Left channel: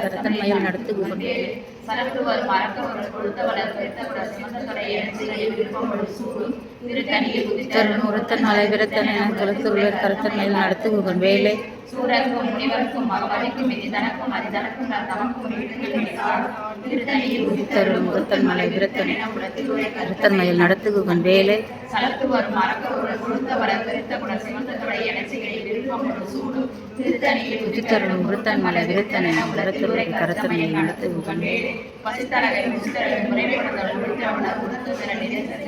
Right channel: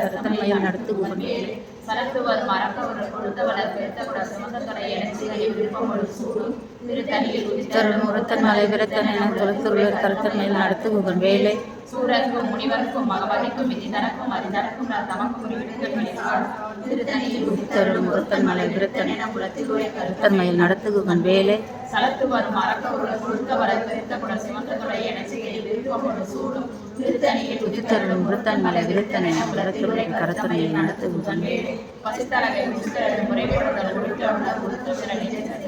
கருத்தன்மையில் நடத்து குகன்வேலே உரத்தன் மலை விரத்தன் என குலத்துள்ள கருத்தன்மையில் நடத்து குகன்வேலே சூரர்க்கும் முனிவர்க்கும் மகவதிக்கும் இது தனக்கும் அது தனக்கும் நான் தமக்கும் முகத்தன் மலை விரத்தன் கருத்தன்மையில் நடத்து குகன்வேலே சலத்து வரும் மரக்கருள் கொடுத்த வளர் பெருத்த குல சிவந்தத்துடைய இணைச்சிகளை விருப்பம் ஒரு சூடும் திருத்தணியில் உதித்தருள் முகத்தன் மலை விரத்தன் என உலகத்துள்ள கருத்தன்மையில் நடத்து குகன்வேலே பசித்தரகை முசித்தரகை முறைப்படுதல் உடுத்தவுடன் உடுத்து பிற நிலைத்தர்கள்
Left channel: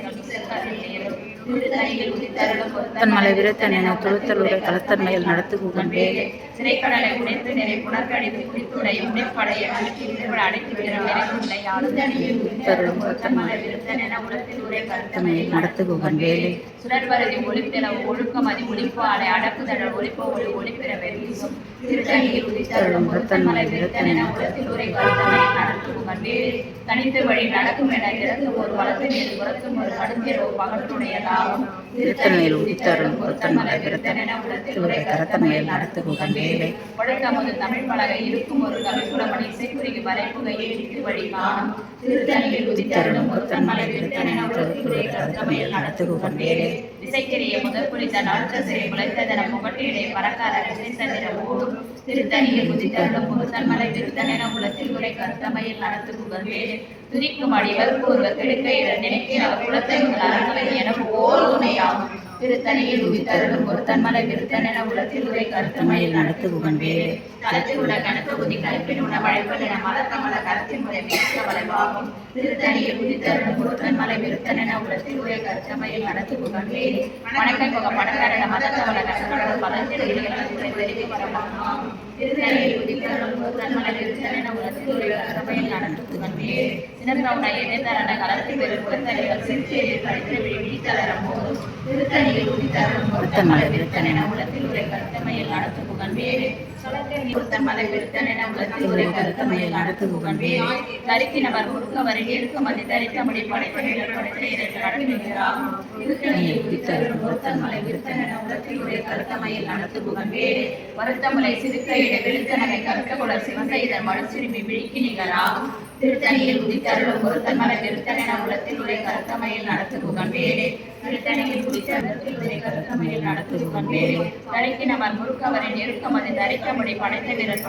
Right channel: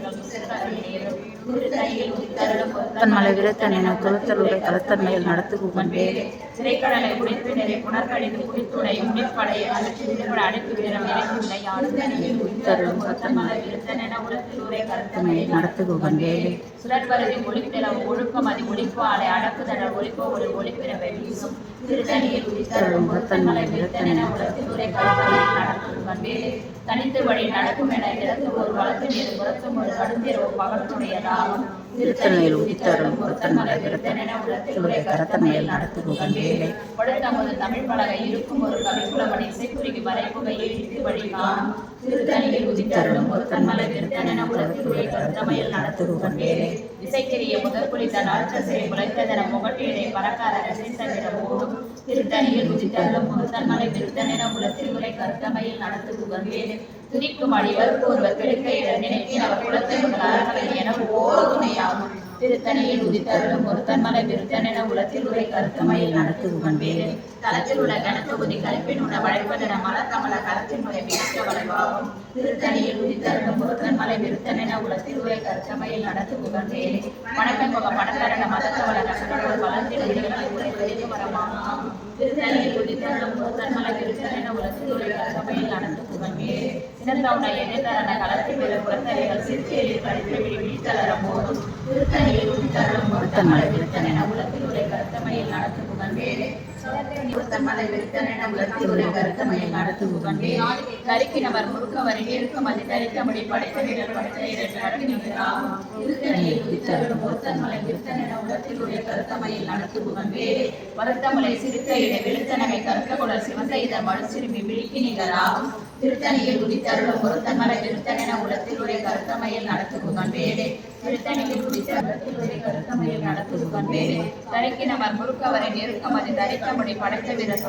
மலை விரத்தன் என துளுத்தலுரை கலத்தன்மையில் நடத்து குகன்வேலே சிறைக்கடலை உடைத்து நிறை புனர்கழிவு குறித்துடைய உடைப்படைய நடத்து குகன்வேலே சுடர்வரதி ஒளிப்பிற ஒழுக்கம் அது ஒளிப்பு அலை அடக்குதழல் ஒளிப்பு ஒளி ஒளிப்பிறவை வீசும் திருத்தணியில் உதித்தருளும் முகத்தன் மலை விரத்தன் என உரை நடத்து குகன்வேலே தனித்து வழி நடக்கும் என இடத்து ஒரு வளர்த்து நேரு புறத்தும் ஒரு கடுந்தியர் ஒரு பகலுடையதாகும் திருத்தணியில் உதித்தருளும் முகத்தன் மலை விரத்தன் என கரத்தன்மையில் நடத்து குகன்வேலே படுத்தமது தமிழ் பலகை இருக்கும் ஒரு கவிக்குளமணி இசைக்குறிக்கு வரைப்புகையை இடித்து வழி காணும் திருத்தணியில் உதித்தருளும் முகத்தன் மலை விரத்தன் என கரத்தன்மையில் நடத்து குகன்வேலே இசைக்கிரிய முதல் குளித்த நாட்ட சிறை குலைத்ததன முகட்டிலே பறக்காத ரசித்ததிர ஓடும் திருத்தணியில் உதித்தருளும் முகத்தன் மலை விரத்தன் என குலத்தில் உரை கருத்தமையில் நடத்து குகன்வேலே துதிக்கும் அடிவருக்கு ஒருவர் கெடுக்கையிட நினைக்க அவர் குலத்தை ஒரு அறவை என ஓர் துணையாகும் திருத்தணியில் உதித்தருளும் ஒருத்தன் மலை விருத்தன் என உலத்தில் உரை கருத்தமையில் நடத்து குகன்வேலே களத்தில் உள்ள கணக்கு குதி கல்பின் உண வளைப்பதென மலத்தமல கருத்தின் முறை மிக்க வளைவாகும் திருத்தணியில் உதித்தருளும் ஒருத்தன் மலை விருத்தன் என உலத்தில் உரை கருத்தமையில் நடத்து குகன்வேலே வணக்கை முக மடக்கரண மதத்தவள கசக்கடல் வளர்ச்சிகளை பெருகி வரலாம் திருத்தணியில் உதித்தருளும் ஒருத்தன் மலை விருத்தன் என உலத்தில் உரை கருத்தமையில் நடத்து குகன்வேலே சின்னத்தவனை எதிர்த்தரண களத்தில் பெரும் புறத்தலைகள் சிறுச்சேரியில் படித்து விழித்தளர போதும் திருத்தணியில் உதித்தருளும் ஒருத்தன் மலை விருத்தன் என உலத்தில் உரை கருத்தமையில் நடத்து குகன்வேலே ஒருத்தன் மலை விருத்தன் என உலத்தில் உரை கருத்தமையில் நடத்து குகன்வேலே தரிக்கினவர் முறுக்கவர் ஏற்கும் அது தரித்தபடி படைத்த திருத்தணியில் உதித்தருளும் ஒருத்தன் மலை விருத்தன் என உலத்தில் உரை கருத்தமையில் நடத்து குகன்வேலே வருத்தமலை சிறுக்கையிட வெளுத்தனகை கருத்த குளர் சிவந்த இதன் மழு சிறுமி விழிக்கு நிகராகும் திருத்தணியில் உதித்தருளும் ஒருத்தன் மலை விருத்தன் என உலத்தில் உரை கருத்தமையில் நடத்து குகன்வேலே திருத்தணியில் உதித்தருளத்தில் உரை கருத்தமையில் நடத்து குகன்வேலே தரிக்கினவர் முறுக்கவரின் நெருக்கம் அது தரித்தபடி படைத்த வீரர்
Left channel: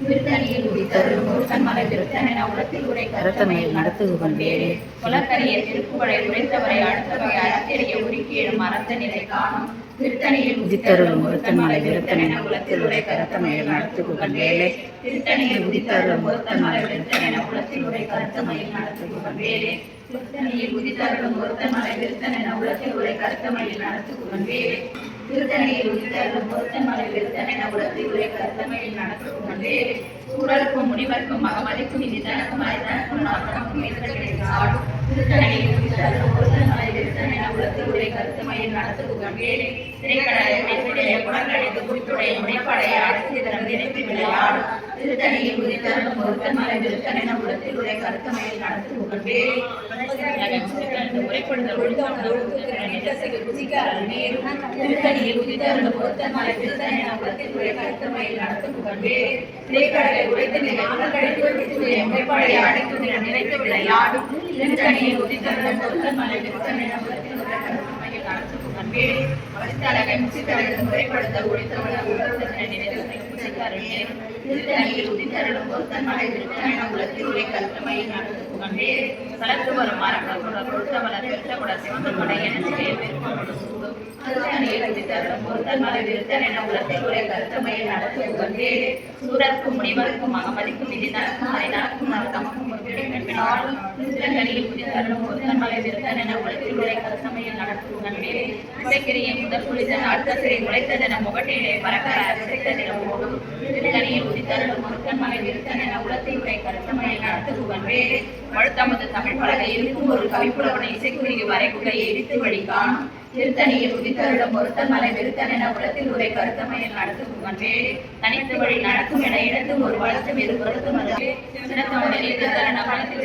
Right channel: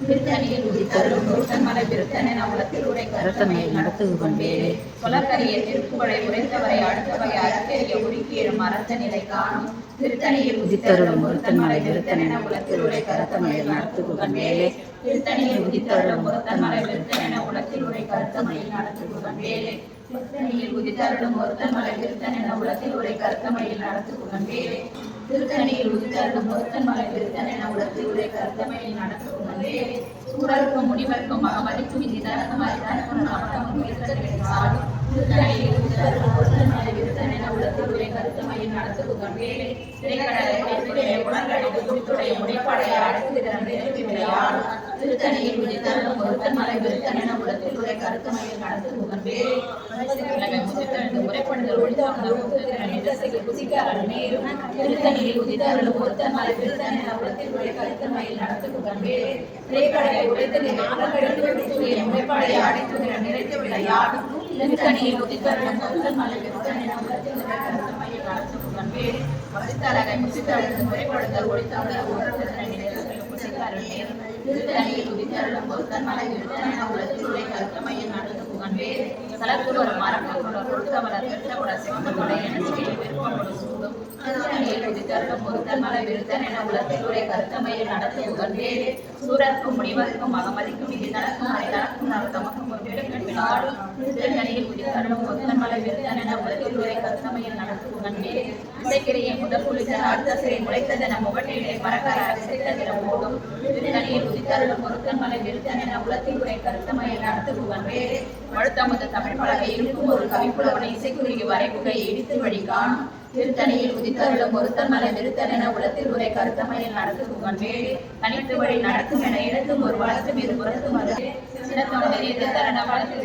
திருத்தணியில் உதித்தருளும் ஒருத்தன் மலை விருத்தன் என உலத்தில் உரை கருத்தமையில் நடத்து குகன்வேலே குலக்கரிய திருப்புகழை உடைத்தவரை அடுத்தவரை அறத்தெறிய உரிக்கேறும் அறத்த நிலை காணும் திருத்தணியில் உதித்தருளும் ஒருத்தன் மலை விருத்தன் என உலத்தில் உரை கருத்தமையில் நடத்து குகன்வேலே திருத்தணியில் உதித்தருளும் ஒருத்தன் மலை விருத்தன் என உலத்தில் உரை கருத்தமையில் நடத்து குகன்வேலே திருத்தணியில் உதித்தருளும் ஒருத்தன் மலை விருத்தன் என உலத்தில் உரை கருத்தமையில் நடத்து குகன்வேலே திருத்தணியில் உதித்தருளும் ஒருத்தன் மலை விருத்தன் என உலத்தில் உரை கருத்தமையில் நடத்து குகன்வேலே சூழலுக்கும் முனிவர்க்கும் மகமதிக்கும் இது தனக்கும் அது தனக்கும் நாட்டமும் சாடும் திருத்தணியில் உதித்தருளும் ஒருத்தன் மலை விருத்தன் என உலத்தில் உரை கருத்தமையில் நடத்து குகன்வேலே திரைக்கடலை உடைப்பிலே குணங்கடித்து குறித்துடைய முனைப்படைய அடுத்து இதன் நினைப்பு விளையாடும் திருத்தணியில் உதித்தருளும் ஒருத்தன் மலை விருத்தன் என உலத்தில் உரை கருத்தமையில் நடத்து குகன்வேலே உரைப்படுதல் திருத்தணியில் உதித்தருளும் ஒருத்தன் மலை விருத்தன் என உலத்தில் உரை கருத்தமையில் நடத்து குகன்வேலே திரைக்கடலை உடைத்து முனைப்படைய அடுத்து இதன் நிறைத்து விளையாடும் திருத்தணியில் உதித்தருளும் ஒருத்தன் மலை விருத்தன் என உலத்தில் உரை கருத்தமையில் நடத்து குகன்வேலே வசித்தழகை முசித்தழகு முறைப்படுத்தல் ஒளித்தமிழர் திருத்தணியில் உதித்தருளும் ஒருத்தன் மலை விருத்தன் என உலத்தில் உரை கருத்தமையில் நடத்து குகன்வேலே கலத்து வரும் மரங்கள் கொடுத்தவளர் பெற்றகுட சிவந்தகுட எனச்சிலே திருத்தணியில் உதித்தருளும் ஒருத்தன் மலை விருத்தன் என உலத்தில் உரை கருத்தமையில் நடத்து குகன்வேலே சூரர்க்கும் முனிவர்க்கும் மகமதிக்கும் இது தனக்கும் அதை தனக்கும் தமக்கும் திருத்தணியில் உதித்தருளும் ஒருத்தன் மலை விருத்தன் என உலத்தில் உரை கருத்தமையில் நடத்து குகன்வேலே இசைக்கிரிய முதல் குளித்த அடுத்த சிறை முளைத்ததென முகட்டிலே பறக்கர சிறைத்ததின ஓடும் திருத்தணியில் உதித்தருளும் ஒருத்தன் மலை விருத்தன் என உலத்தில் உரை கருத்தமையில் நடத்து குகன்வேலே படுத்தமது தமிழ் பலகை இருக்கும் ஒரு கவிப்புலவனை இசைக்குறிக்கு வரைக்குகையை இடித்து வழி காணும் திருத்தணியில் உதித்தருளும் ஒருத்தன் மலை விருத்தன் என உலத்தில் உரை கருத்தமையில் நடத்து குகன்வேலே தனித்து வழி நடக்கும் என இடத்தும் ஒரு வளர்த்தும் இரு புறத்தும் சிறத்தமதில் தரண வளத்தில்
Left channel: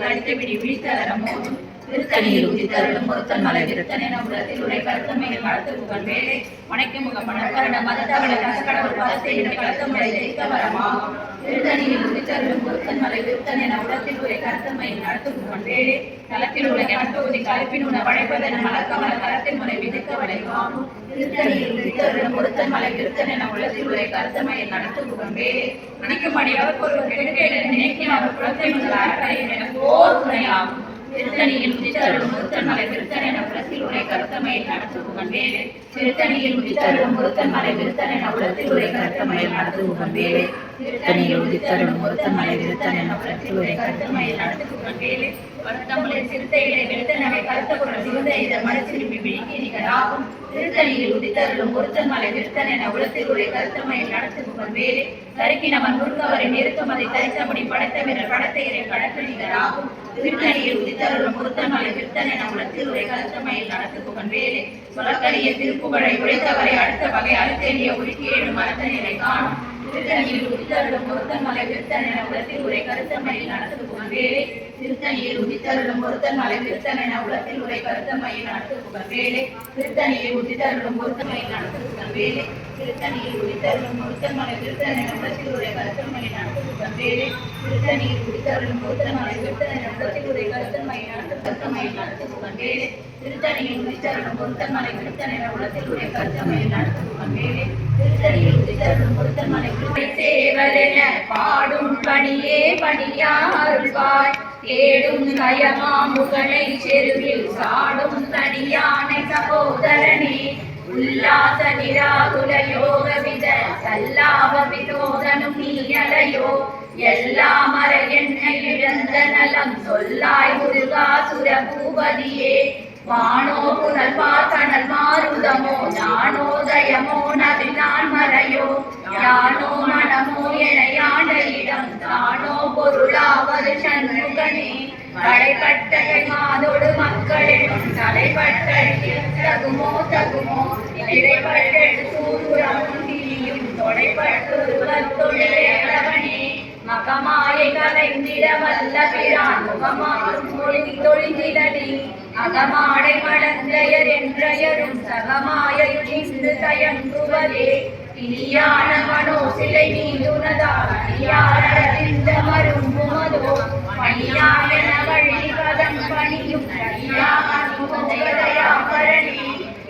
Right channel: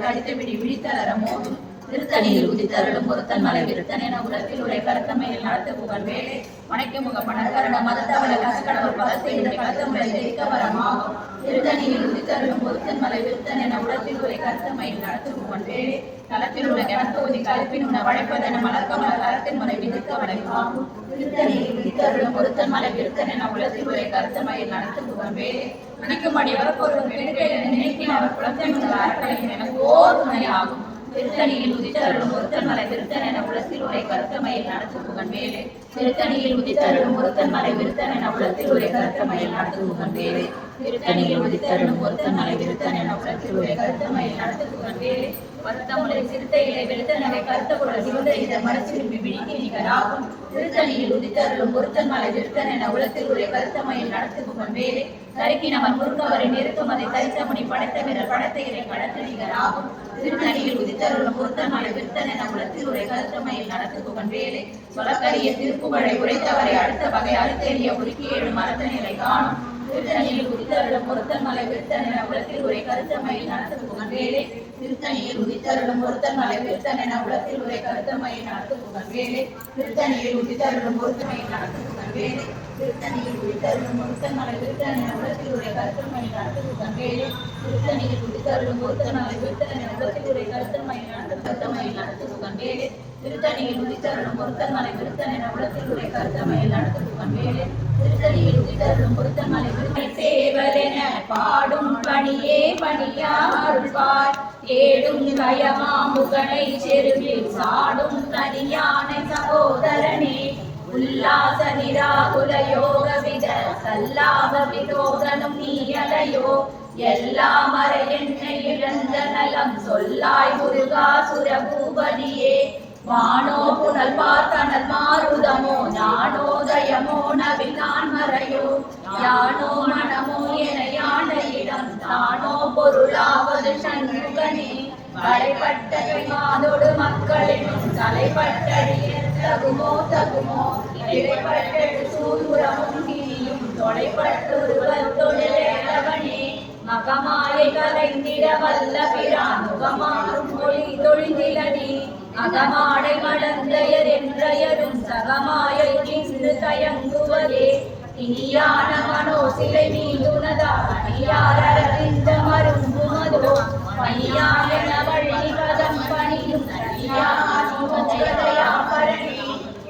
தடித்தபிடி விழித்தளர மோதும் திருத்தணியில் உதித்தருளும் ஒருத்தன் மலை விருத்தன் என உலகத்தில் உரை கருத்தமையில் நடத்து புகழ் வேலை வணக்க முகமணக்கரண மதத்தவளை நசுக்கடவுள் பதத்தை கருத்தமலை ஜெயிக்க வரமாகும். திருத்தணியில் உதித்தருளும் ஒருத்தன் மலை விருத்தன் என உலகத்தில் உரை கருத்தமையில் நடத்து புகழ் வேலை தளத்தில் உள்ள கணப்பகுதி கலப்பின் உண வளைப்பதென மலக்கமல தளத்தின் முறை விதிக்க வளைவாகும். திருத்தணியில் உதித்தருளும் ஒருத்தன் மலை விருத்தன் என உலகத்தில் உரை கருத்தமையில் நடத்து புகழ் வேலை மணிக்கும் அடியவர் ஒரு கெடுக்கையில நினைக்கின் அவர் குளத்தை முதல் அறக்கலையும் எனக்கு ஓர் துணையாகும். திருத்தணியில் உதித்தருளும் ஒருத்தன் மலை விருத்தன் என உலகத்தில் உரை கருத்தமையில் நடத்து புகழ் வேலை திருத்தணியில் உதித்தருளும் ஒருத்தன் மலை விருத்தன் என உலகத்தில் உரை கருத்தமையில் நடத்து புகழ் வேலை திருத்தணியில் உதித்தருளும் ஒருத்தன் மலை விருத்தன் என உலகத்தில் உரை கருத்தமையில் நடத்து புகழ் வேலை வருத்தமுலை சிறுத்தைகளை வெளுத்தனவை கருத்த குரல் சிவந்த இதழ் மனச்சிருப்பி விழிக்கு நிகராகும். திருத்தணியில் உதித்தருளும் ஒருத்தன் மலை விருத்தன் என உலகத்தில் உரை கருத்தமையில் நடத்து புகழ் வேலை தருக்கினவன் முருகவரை நிறுத்தும் அதை தரித்த முடி படைத்த வீரர் படத்தை இறை கடற்று நிகராகும். திருத்தணியில் உதித்தருளும் ஒருத்தன் மலை விருத்தன் என உலகத்தில் உரை கருத்தமையில் நடத்து புகழ் வேலை சொலக்கரிய திருப்புகழை உரைத்தவரை அடுத்த வகை அறுத்தேறிய உருக்கி ஏழு மரத்த நிலை காணும். திருத்தணியில் உதித்தருளும் ஒருத்தன் மலை விருத்தன் என உலகத்தில் உரை கருத்தமையில் நடத்து புகழ் வேலை திருத்தணியில் உதித்தருளும் ஒருத்தன் மலை விருத்தன் என உலகத்தில் உரை கருத்தமையில் நடத்து புகழ் வேலை திருத்தணியில் உதித்தருளும் ஒருத்தமையில் நடத்து புகழ் வேலை திருத்தணியில் உதித்தருளும் ஒருத்தன் மலை விருத்தன் என உலகத்தில் உரை கருத்தமையில் நடத்து புகழ் வேலை திருத்தணியில் உதித்தருளும் ஒருத்தன் மலை விருத்தன் என உலகத்தில் உரை கருத்தமையில் நடத்து புகழ் வேலை திருத்தணியில் உதித்தருளும் ஒருத்தன் மலை விருத்தன் என உலகத்தில் உரை கருத்தமையில் நடத்து புகழ் வேலை திருத்தணியில் உதித்தருளும் ஒருத்தன் மலை விருத்தன் சேவலென பாடும் பணியே பணியா அருள்வாய் தேடும் கயமாமுகனை செருவில் சாடும் தனியானை சகோதரனே உல்லாச நிராகுல யோக வித சல்லாப விரோதனும் நீயலையோ எல்லா மர என்னை இழந்த நலம் சொல்லாய் முருகாசுர பூபதியே வானோ புனர்வார் கணல் மாருதமோ ஞானோதயமோ நவிலான் மறையோ யானோ மனமோ என யாண்ட இடம் தானோ பொருளாவது சண்முகனே தலைப்பட்ட மாதோடு மக்களிடம் தலைப்பட்ட தகுமோ தகுமோ இடைப்பட்ட சூதுரமும் திரியும் தொலைப்பட்டுருவத்தொழிலவனே மகமாயை கலைந்திட வல்ல பிரான் முகமாறும் மொழி தொழிந்திலடி அகமாடை மடந்தையர் என்றயரும் சகமாயுழிந்து தயங்குவதே இனியான மனோ சிலை மீதுனதால் அடியாரறிந்த மரும்புமதோ பணியாயன வழி பதம் பணியும் தனியாமரணி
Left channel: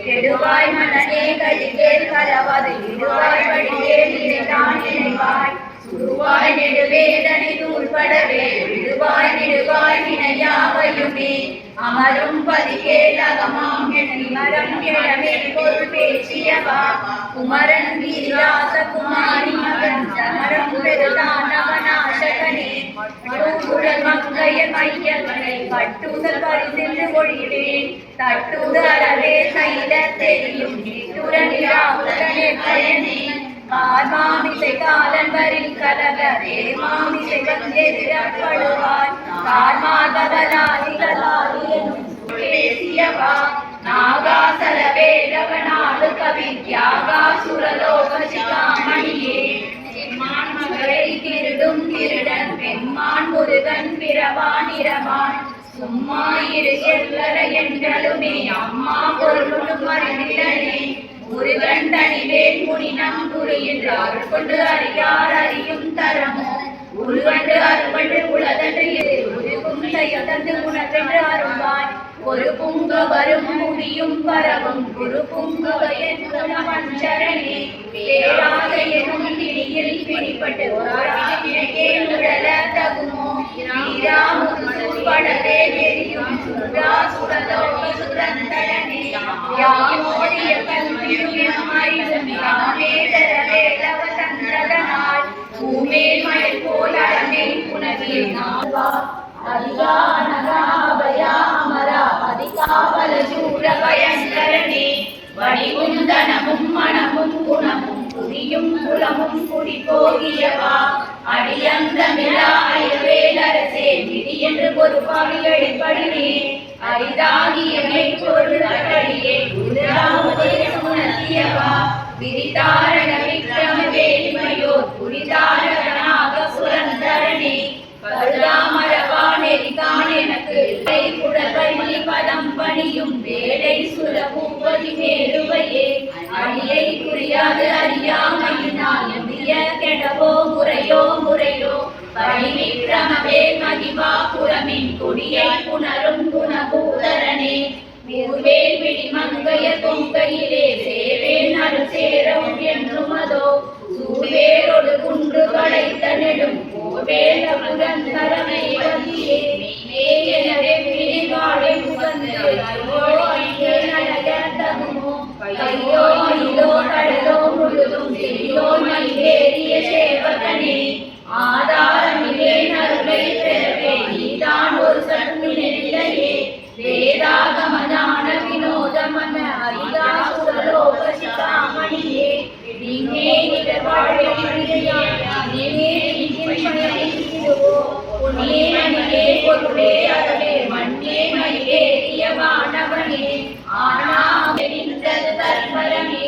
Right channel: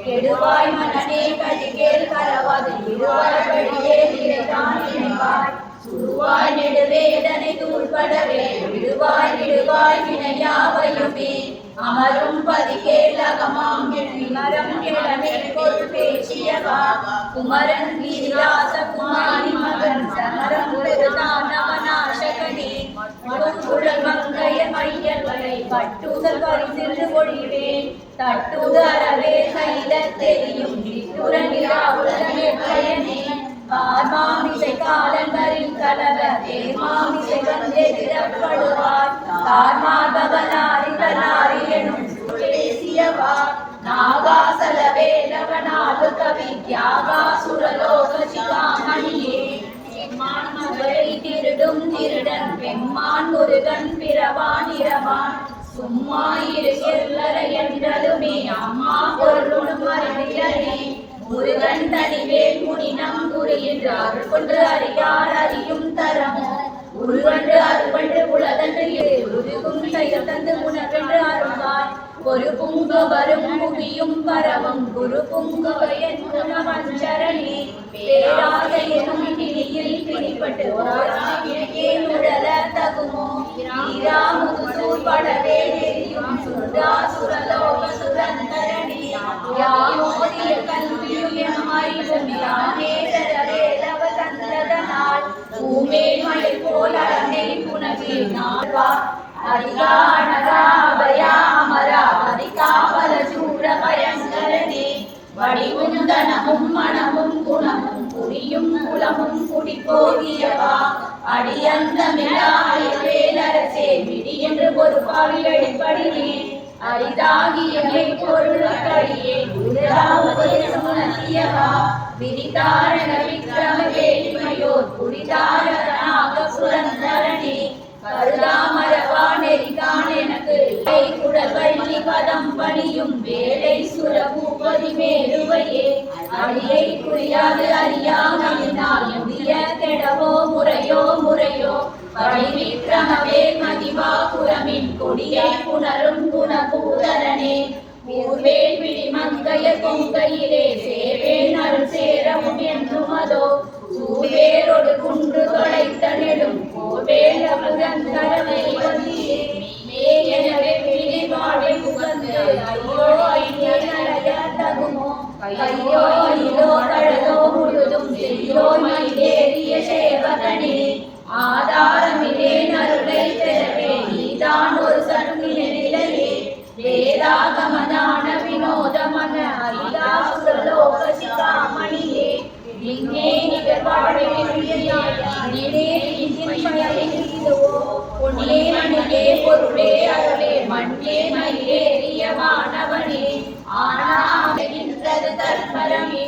கெடுவாய் மனநே கழிகேல் கலவது இடுவாய் வழியே நினைத்தான் நினைவாய் சுருவாய் நெடுவேதனை தூள்படவே விடுவாய் நெடுவாய் வினையாவையுமே அமரும் பதிகேல் அகமாம் மரம் கிழமே பொருள் பேசியவா குமரன் வீராச குமாரி மகன் சமரம் பெருதான் அவநாசகனே மடுங்குழல் மங்கைய மையல்களை கட்டுதல் பரிசின்று மொழிவேன் தட்டுதரவே கைத தெரியும் நிட்டுர நிராவுடனே பயனே மாமிசை காலன் வரில் கலவ மாமிசை வந்தெதிரப்படுவார் கார்மாதலாரி எனும் பேசியவா நாகாசல வேலவனாடு கவி தியாகாசுரலோக சிகாமணியே செம்மான் மகளை திருடும் திருடன் பெம்மான் முருகன் பிறவான் இரவான் சும்மா இரு எல்லரை என்றலுமே அம்மா பொருளும் அறிந்திலனே முருகன் தனிவேல் முனினம் குரு என்று அருள் கொண்டு அறியார் அறியும் தரமோ உருவன்று அருவன்று உலதன்று உருகும் செயல் உணர்வென்று அருள்வாய் ஒரு புங்க வரும் புவியும் பரவும் குரு புங்கவ என்றே பேராத எனும் கிணியில் பிடிப்பட்டு உடல தகுமோ நீராமுது சூழ்படவே எரியும் சுரா சுரலோக சுரந்தரனே யாமோதிய கல்வியும் அறிவும் யானே தரவேலவ தந்ததனால் பூமேல் மயில் போல் அரணை புனவில் நாள்வா அதிகானகாபயாமரா அதிகாபல சூர பயங்கரனே வடிவும் தனமும் மனமும் குணமும் குடியும் குலமும் குடி போகியவா அடியந்தமிழாயவேலரசே விடி என்று பொறுப்பாளி அடிப்படினே அரிதாகியமை பொருளியே உணர்த்தியவா விரிதாரண விக்ரம வேலிமையோர் புரிதாரணாக புரந்தரனே கருதாமரவா நெறிதான் எனக்கு குடல் வழி அணியும் வேலை சுரபூபதி மேலுவையே அடியை குறியாது அறியாமையினால் எம்பிய கெடவோ முறையோ முறையோ பரிவிக்கிரமவே மகிமா புறமின் கொடியை புணரும் குணபூதரனே ஊர்வேல் விழி மங்கைய தொங்கையிலே சேவேன் அருள் சேரவும் என்றும் அதோ சூவேரோடு குன்று தொலைத்த நெடும் கோவேல் அமுதன் கருணை வந்தியே எனவே விழிவாழை முகந்து ஐயோ ஐயே நடைய தகுமோ கையோ மயிலோ கடலோ முழுதும் செய்யோ மயிலேறிய சேவகனே ஆதாரமிலே நருளை பெறவே நீதான் ஒரு சக்தி நெறிலையே வேதாகமதான வினோதமன அரிதா சுரலோக சிதாமணியே நீங்கே நிகர் வாழ்வே பொன்னே மணிலே பொருளே அருளே மண்ணே மயிலேறிய மாணவனே ஆனாமெறிந்தது தர்மரமே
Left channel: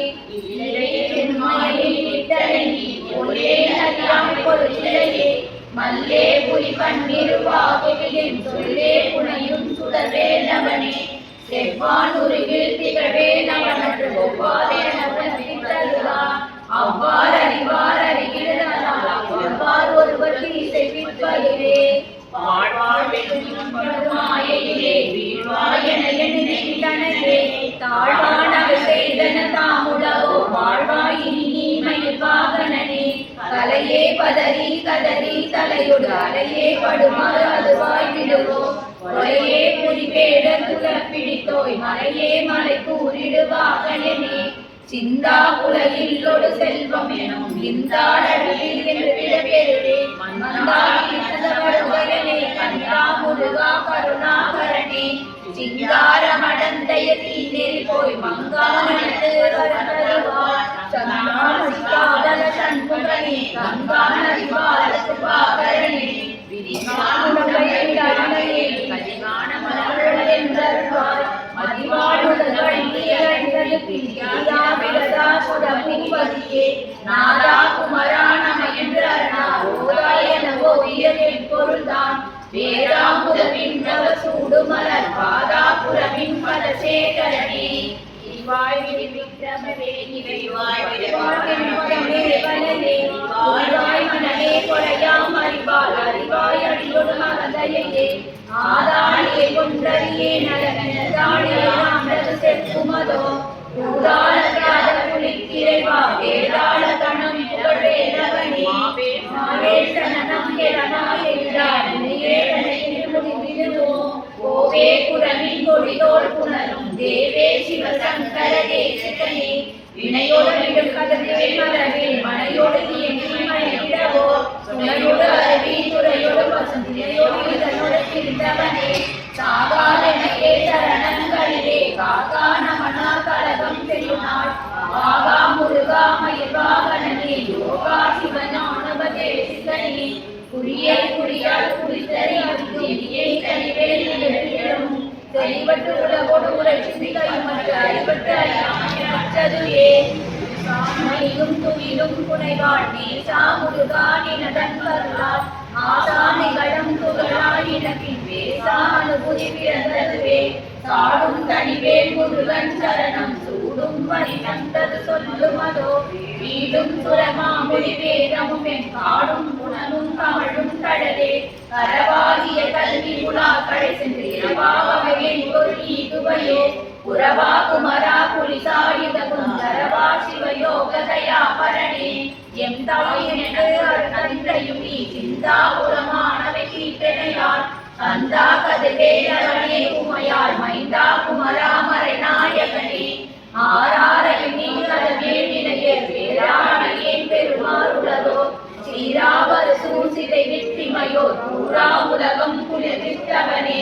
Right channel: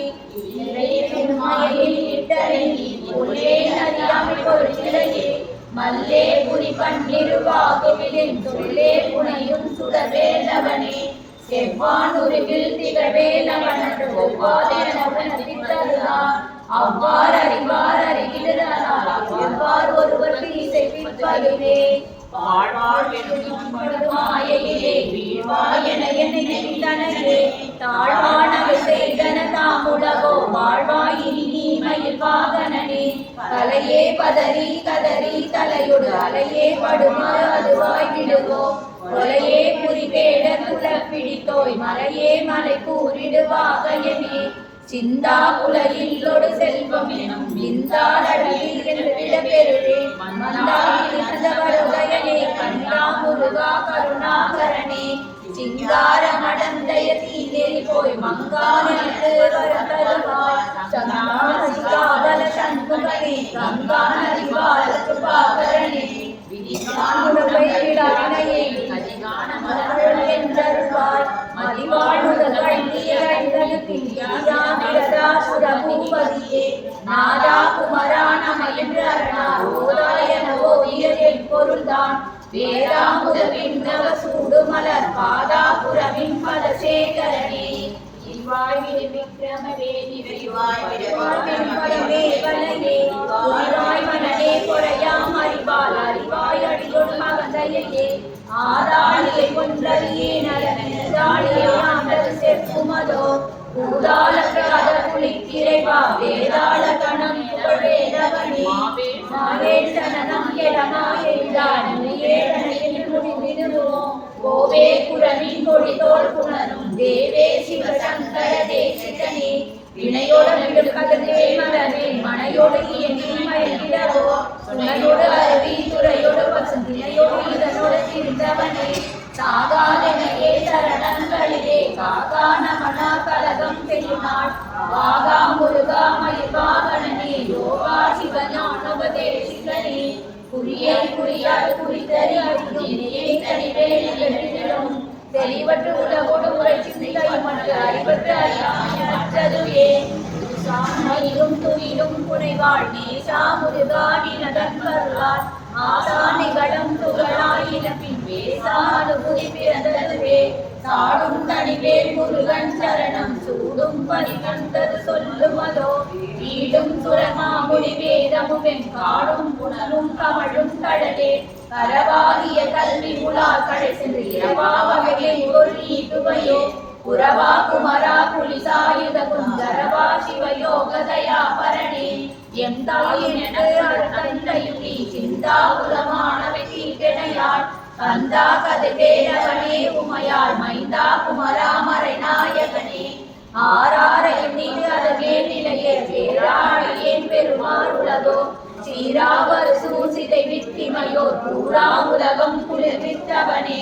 மல்லே புரி பன்னிருவாகுவிலின் சொல்லே புனையும் சுடவேலவனே செவ்வான் உருவில் திகழவே நவனற்று ஒவ்வாதேனவன் அவ்வாறு அறிவார் அறிகிறார் எவ்வாறு ஒருவர் இசைப்பிற்பதுவே மாயையிலே வீழ்வாயன நினைத்தனே தாழ்வானது செய்தன தாமுடவோ வாழ்வாயினி மயில் வாகனனே கலையே பதறி கதறி தலையொடு அலையே படுமாறு அதுவாய் விடுவோ கொலையே புரிவேட துளப்பிடித்தோய் மலையே மலை கூறிடுவாகனே சிந்தா உலகில்லொடு செல்வம் எனும் இந்தா நடுவில் விட பெருளே மந்தாகிருந்தவருகையனே கண்டா முருகா கருணாகரனே சிங்கார மடந்தைய தீநெறி போய் மங்கானத்து வரதருவார் சங்காசிகாதல சண்முகனே கங்கா நதிவாரத்து பாகரனே விதிசான் உடம்பை விடாமையே கதிகான மலர்கள் என்றருவாய் மதிவாழ்வுதல் பின்னியா விரதா சுரபூபதியே நாதா குமரானம என்று அருணா ஓதாயனவோ உயரில் பொருள்தான் வேதாமுத விண்ணவ சூடுமலர் பாதாபுரமின் பலசேகரனே இவாய் விடி விக்ரமவே நிறைவாய் விடுவாய் வனே ஓராய் மனமே குறையாம் அறிவால் அறிவாய் அடியொடு மகந்தையே ஆதாளியை கொன்றறியே நலனதாளியை ஆண்டது செப்புமதோ பூதாளத்தியாத புலிக்கிரைவா வேதாள தனம் புகழேரவனே மாவேசனம் கோவே குரவின் கொடிதோல் புணரும் தேவே சிவசங்கர தேசகனே வினையோடு விடும் கதவே மலவே மனையோடு எண்ணிடவோ துணையோடு அருவி துறையோடு பசுமையோடு இதனோடு திருந்தவனே சாகாதனையே சரணங்களிலே காகான மனா கலகம் பெருநாள் ஆகா முருகா மயிர்வாகனே யோகா சிவஞானபதேசிகனே குறியை குறியால் குறித்தறி நெறியை தனிவேலும் தெளிவற்று உலகோடு உரை சிந்தை மற்ற அறிவற்று அறியாமற்றதுவே சாமையும் துயிலும் புனைவாள் நேசா முருகா நினதன் கருளால் ஆசானிகளும் துகளாயினப்பின் வேசா அனுபூதி பிறந்ததுவே சாடும் தனிவேல் முருகன் சரணம் சூடும் பரிதந்தது சொல்லுமதோ வீடும் சுரமாமொழி வேதமும் காடும் புனலும் கமழும் கடலே கரவாகிய கல்வி முலா கடை சென்று இரவாவகையை ஒரு ஈதுவையோ புறவா குமரா புலிசாயுதகும் தரவா சிவயோகதயா பரணே எம் தாயினது தந்தையும் நீ சிந்தா புலமானவை கீர்த்தனையால் கந்தா கதவே அவனே உமையாள் மைந்தா குமரா மறை நாயகனே ஆராரையும் நீ கதவே நிலையே பேராடையேன் பெருமாள் உலகோ சீராவர் சூசிதை வித்திமையோ பூரா உலகம் குளிர்வித்தவனே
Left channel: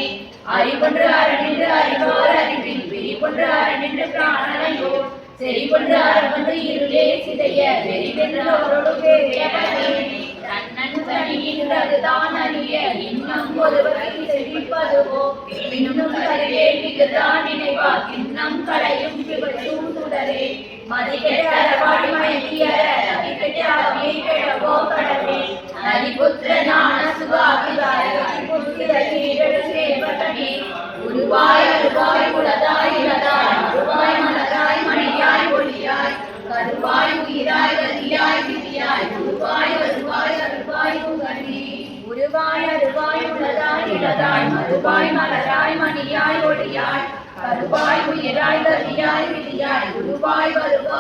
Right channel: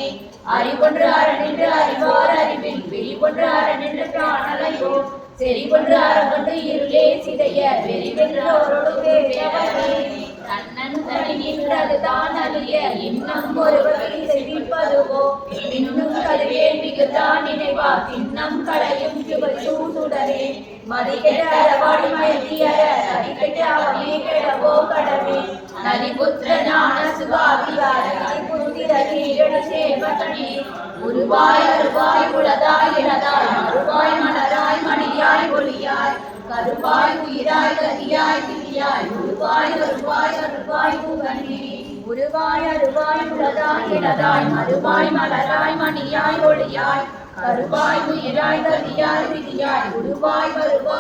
அறிவொன்று அறநின்று அறிவார் அறிவின் விரிவொன்று அறநின்று பிராணனையோ செறிவொன்று அறவொன்று இருளே சிதைய வெறிவென்று அவரோடு பேரவனே தன்னன் தனி நின்றதுதான் அறிய இன்னும் ஒருவரை செழிப்பதுவோ இன்னும் கருவேல் மிகுதான் நினைவா கிண்ணம் களையும் சிவசூடுடரே மதிகெட்டரவாடி மைத்தியர அதிகட்டாவே கெடவோ கடவே நரிபுத்திர ஞான சுகாதிகார புத்திர கீழ சேவகனே உருவாய் அருவாய் உலக ஒளியாய் உருவாய் வருவாய் அருள்வாய் முகனே உருவாய் அருவாய் உளதாய் இளதாய் மறுவாய் மலராய் மணியாய் ஒளியாய் கருவாய் உயிராய் கதியாய் விதியாய் உருவாய் வருவாய்